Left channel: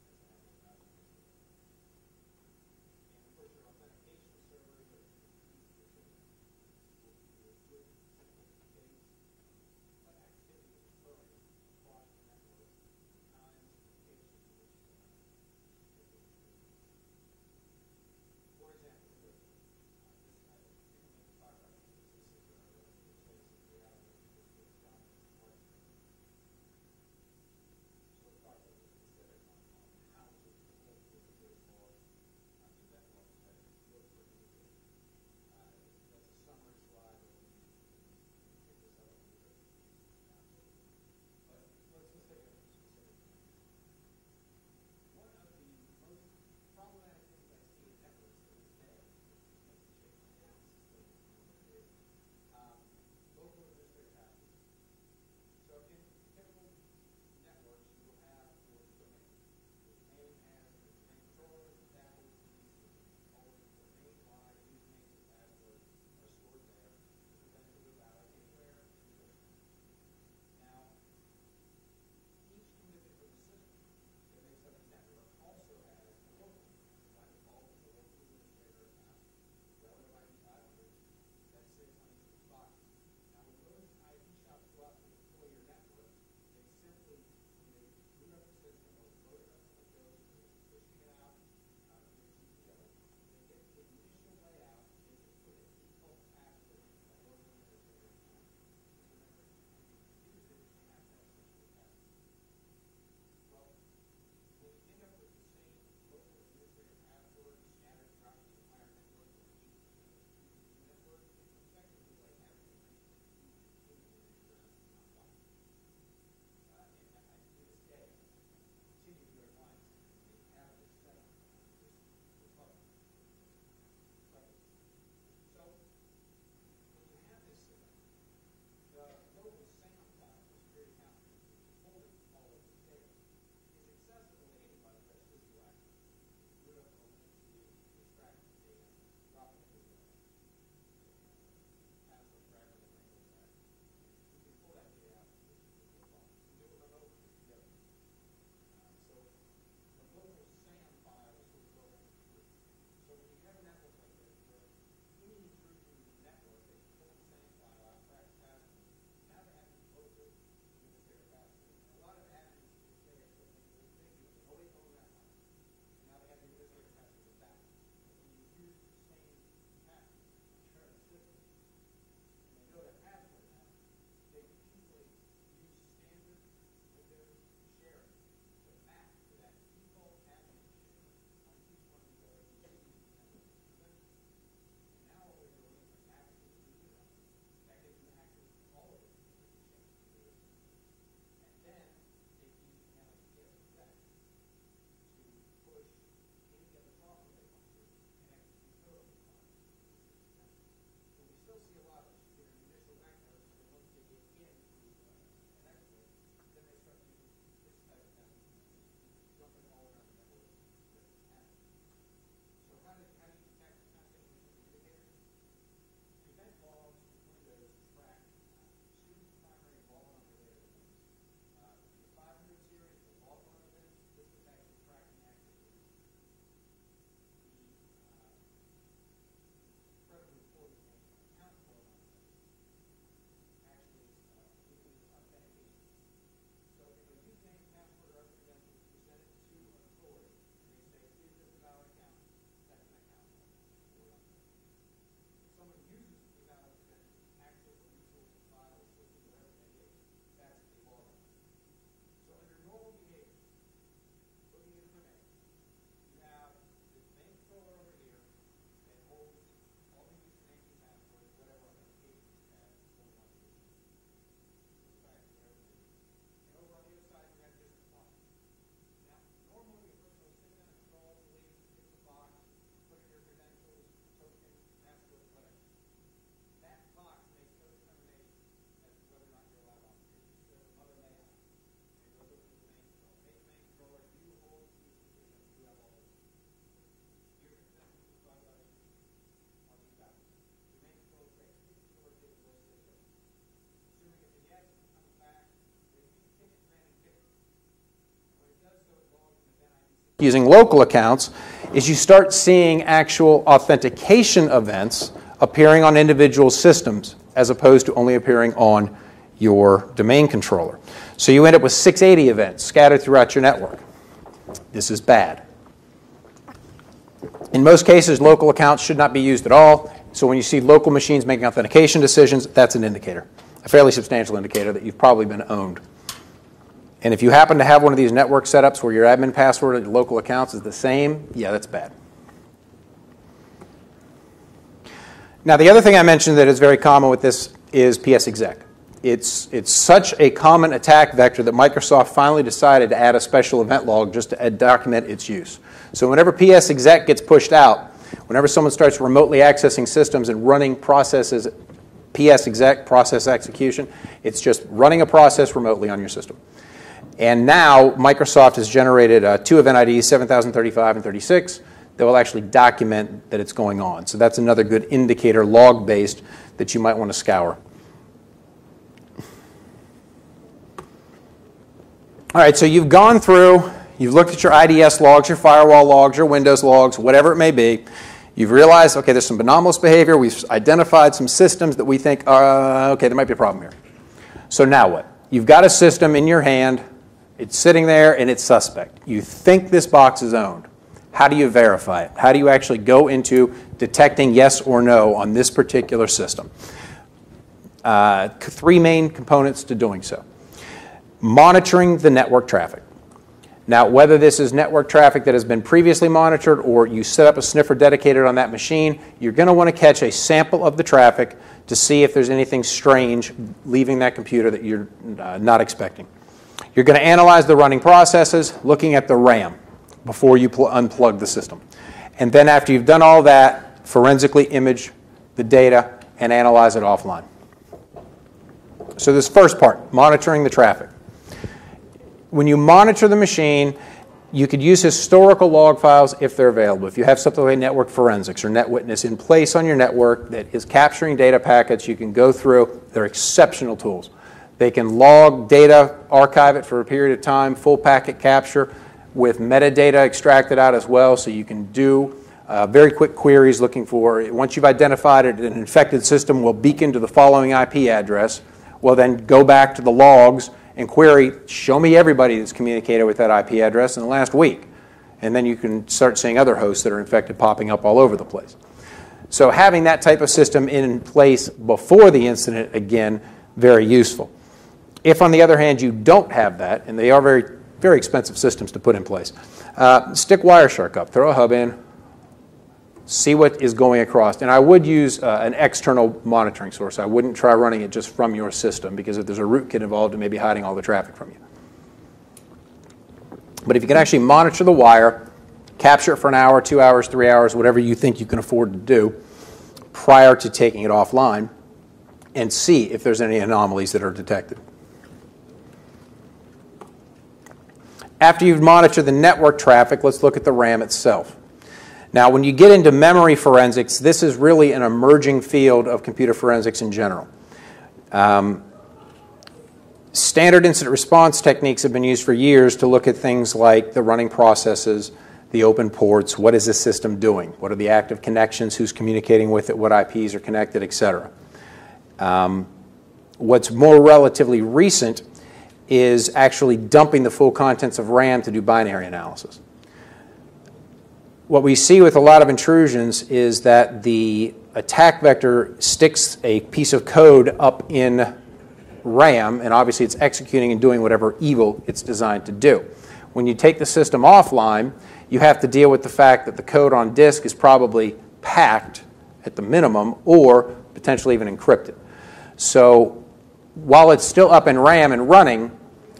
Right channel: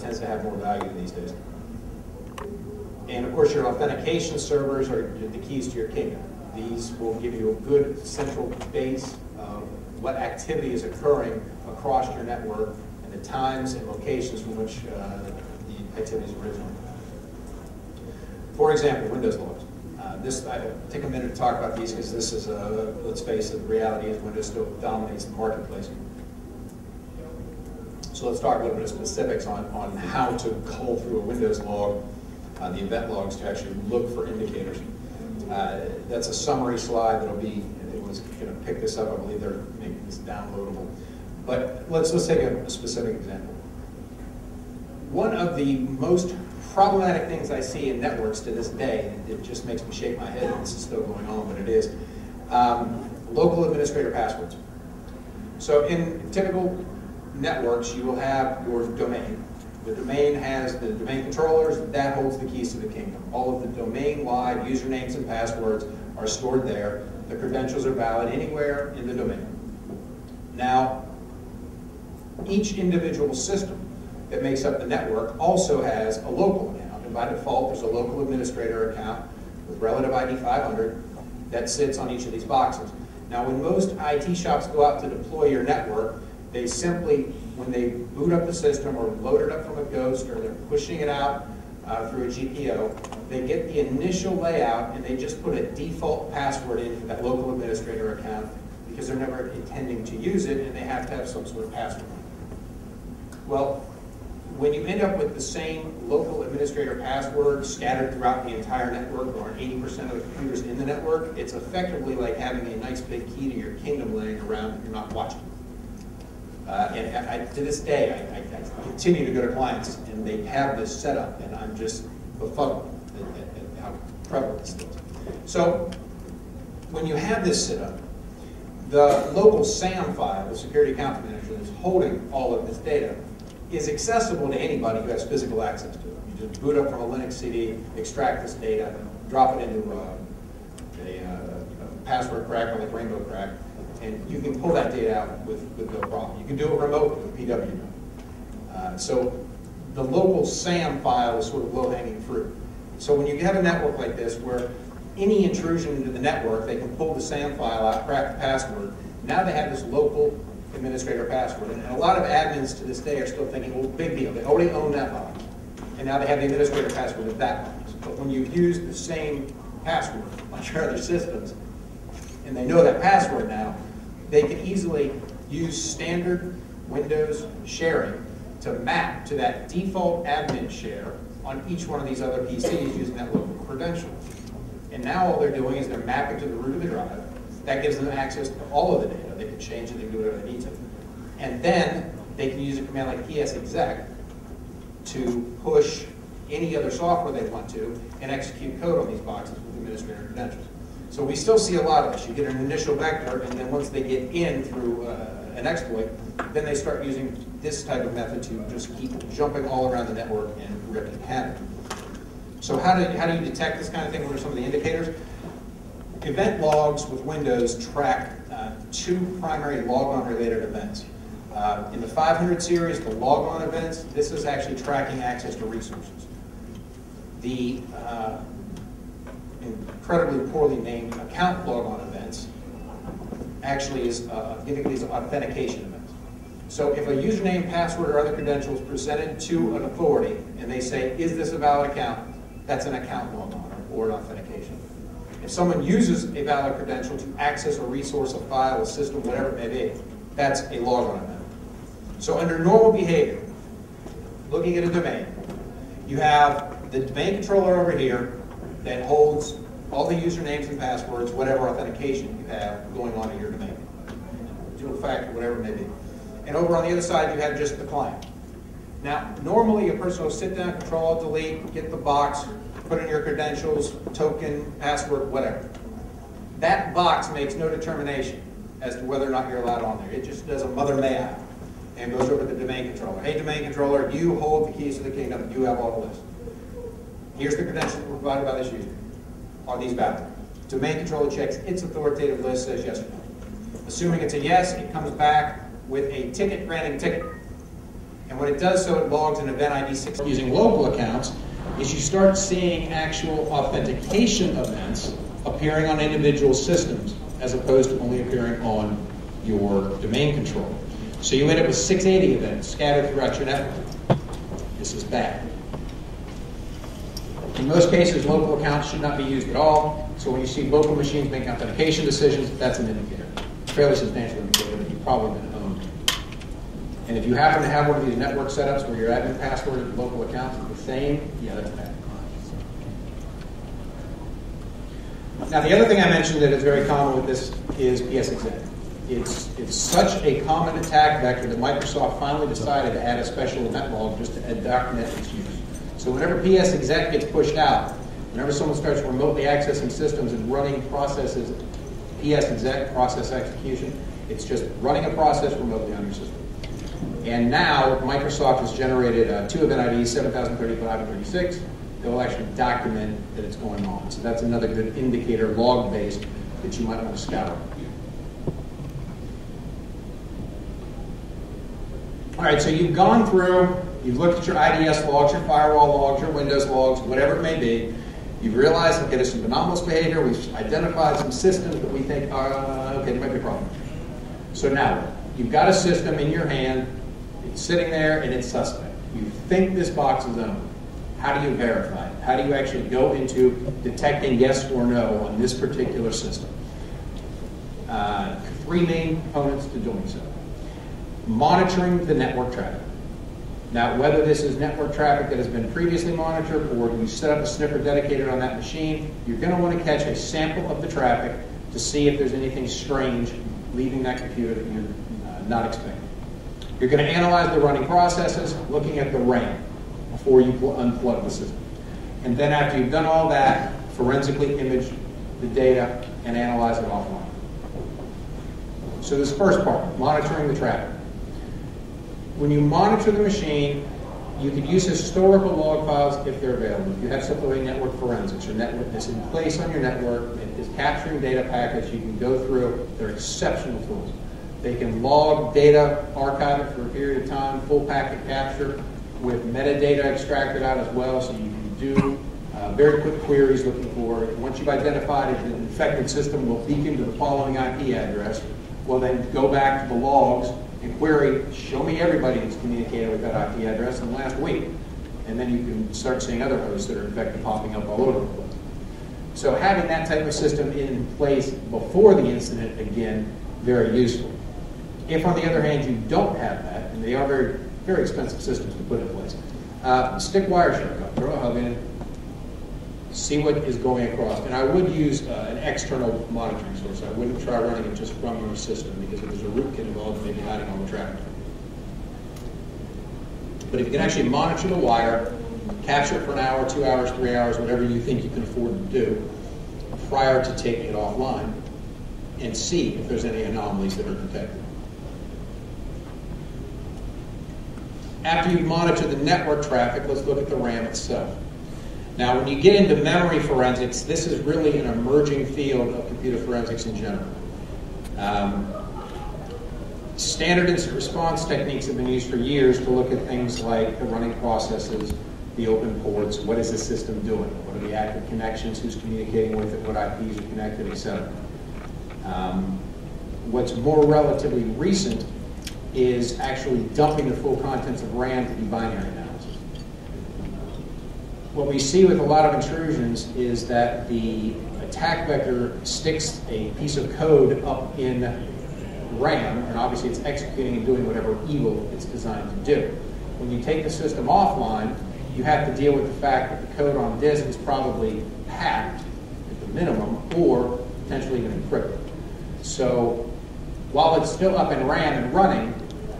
tends to have more value these days. And of course, your authentication servers are the keys to your kingdom. These will give you a good central base of what activity is occurring across your network and the times and locations from which the activity is originating. For example, Windows logs. I'll take a minute to talk about these because this is, let's face it, the reality is Windows still dominates the marketplace. So let's talk a little bit of specifics on how to cull through a Windows log, the event logs, to actually look for indicators. That's a summary slide that'll be, it was going to pick this up, I believe they're making this downloadable. But let's take a specific example. One of the most problematic things I see in networks to this day, and it just makes me shake my head, and this is still going on, but it is, local administrator passwords. So in typical networks, you will have your domain. The domain has the domain controllers, that holds the keys to the kingdom. All of the domain-wide usernames and passwords are stored there. The credentials are valid anywhere in the domain. Now, each individual system that makes up the network also has a local account, and by default there's a local administrator account with relative ID 500 that sits on each of these boxes. Now when most IT shops go out to deploy your network, they simply, when they boot up the system or load it up from a ghost or they're pushing it out through a GPO, they get the initial layout and they just put a default password in for that local administrator account because they're never intending to use it and they have to have some sort of password. Well, when you end up with the same local administrator password scattered throughout the entire network or on 80% of the computers in the network, it's effectively like having a nice big key to your kingdom laying around that you're not watching. To this day, I continue to go to clients and they have this set up and I'm just befuddled at how prevalent this is. So when you have this set up, the local SAM file, the security account manager that's holding all of this data, is accessible to anybody who has physical access to it. You just boot up from a Linux CD, extract this data, drop it into a password crack like Rainbow Crack, and you can pull that data out with no problem. You can do it remotely with PW. So the local SAM file is sort of low-hanging fruit. So when you have a network like this where any intrusion into the network, they can pull the SAM file out, crack the password. Now they have this local administrator password. And a lot of admins to this day are still thinking, well, big deal. They already own that box. And now they have the administrator password of that box. But when you use the same password on your other systems, and they know that password now, they can easily use standard Windows sharing to map to that default admin share on each one of these other PCs using that local credential. And now all they're doing is they're mapping to the root of the drive. That gives them access to all of the data. They can change it, they can do whatever they need to. And then they can use a command like PSExec to push any other software they want to and execute code on these boxes with administrator credentials. So we still see a lot of this. You get an initial vector, and then once they get in through an exploit, then they start using this type of method to just keep jumping all around the network and wreaking havoc. So how do you detect this kind of thing? What are some of the indicators? Event logs with Windows track two primary logon related events. In the 500 series, the logon events, this is actually tracking access to resources. The incredibly poorly named account logon events actually is giving these authentication events. So if a username, password, or other credential is presented to an authority and they say, is this a valid account? That's an account logon or an authentication. If someone uses a valid credential to access a resource, a file, a system, whatever it may be, that's a logon event. So under normal behavior, looking at a domain, you have the domain controller over here that holds all the usernames and passwords, whatever authentication you have going on in your domain, dual factor, whatever it may be. And over on the other side, you have just the client. Now, normally a person will sit down, Control-Alt-Delete, get the box, put in your credentials, token, password, whatever. That box makes no determination as to whether or not you're allowed on there. It just does a mother may I and goes over to the domain controller. Hey, domain controller, you hold the keys to the kingdom. You have all the lists. Here's the credentials provided by this user. Are these valid? Domain controller checks its authoritative list, says yes or no. Assuming it's a yes, it comes back with a ticket granting ticket. And what it does, so it logs an event ID 6. Using local accounts, is you start seeing actual authentication events appearing on individual systems as opposed to only appearing on your domain controller. So you end up with 680 events scattered throughout your network. This is bad. In most cases, local accounts should not be used at all. So when you see local machines making authentication decisions, that's an indicator, a fairly substantial indicator that you've probably been owned. And if you happen to have one of these network setups where your admin password of local accounts is the same, yeah, that's bad. Now, the other thing I mentioned that is very common with this is PSExec. It's such a common attack vector that Microsoft finally decided to add a special event log just to document its use. So whenever PSExec gets pushed out, whenever someone starts remotely accessing systems and running processes, PSExec, process execution, it's just running a process remotely on your system. And now Microsoft has generated two event IDs, 7035 and 36, that will actually document that it's going on. So that's another good indicator, log-based, that you might want to scour. All right, so you've gone through, you've looked at your IDS logs, your firewall logs, your Windows logs, whatever it may be. You've realized, okay, there's some anomalous behavior. We've identified some systems that we think, okay, there might be a problem here. So now what? You've got a system in your hand. It's sitting there, and it's suspect. You think this box is owned. How do you verify it? How do you actually go into detecting yes or no on this particular system? Three main components to doing so. Monitoring the network traffic. Now, whether this is network traffic that has been previously monitored or you set up a sniffer dedicated on that machine, you're going to want to catch a sample of the traffic to see if there's anything strange leaving that computer that you're not expecting. You're going to analyze the running processes, looking at the RAM before you unplug the system. And then after you've done all that, forensically image the data and analyze it offline. So this first part, monitoring the traffic. When you monitor the machine, you could use historical log files if they're available. If you have something like network forensics or NetWitness in place on your network that is capturing data packets, you can go through. They're exceptional tools. They can log data, archive it for a period of time, full packet capture with metadata extracted out as well, so you can do very quick queries looking for, once you've identified it, an infected system will beacon to the following IP address. Well, then go back to the logs and query, show me everybody that's communicated with that IP address in the last week. And then you can start seeing other hosts that are infected popping up all over the place. So having that type of system in place before the incident, again, very useful. If, on the other hand, you don't have that, and they are very, very expensive systems to put in place, stick Wireshark up, throw a hub in, see what is going across. And I would use an external monitoring source. I wouldn't try running it just from your system, because if there's a rootkit involved, it may be hiding all the traffic from you. But if you can actually monitor the wire, capture it for an hour, 2 hours, 3 hours, whatever you think you can afford to do, prior to taking it offline, and see if there's any anomalies that are detected. After you've monitored the network traffic, let's look at the RAM itself. Now, when you get into memory forensics, this is really an emerging field of computer forensics in general. Standard incident response techniques have been used for years to look at things like the running processes, the open ports, what is the system doing, what are the active connections, who's communicating with it, what IPs are connected, etc. What's more relatively recent is actually dumping the full contents of RAM to do binary analysis. What we see with a lot of intrusions is that the attack vector sticks a piece of code up in RAM, and obviously it's executing and doing whatever evil it's designed to do. When you take the system offline, you have to deal with the fact that the code on disk is probably packed at the minimum, or potentially even encrypted. So while it's still up in RAM and running,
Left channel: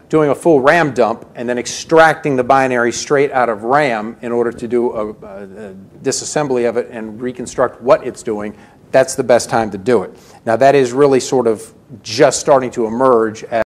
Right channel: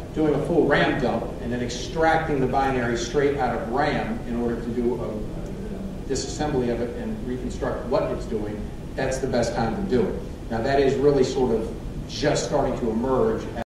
doing a full RAM dump and then extracting the binary straight out of RAM in order to do a disassembly of it and reconstruct what it's doing, that's the best time to do it. Now, that is really sort of just starting to emerge as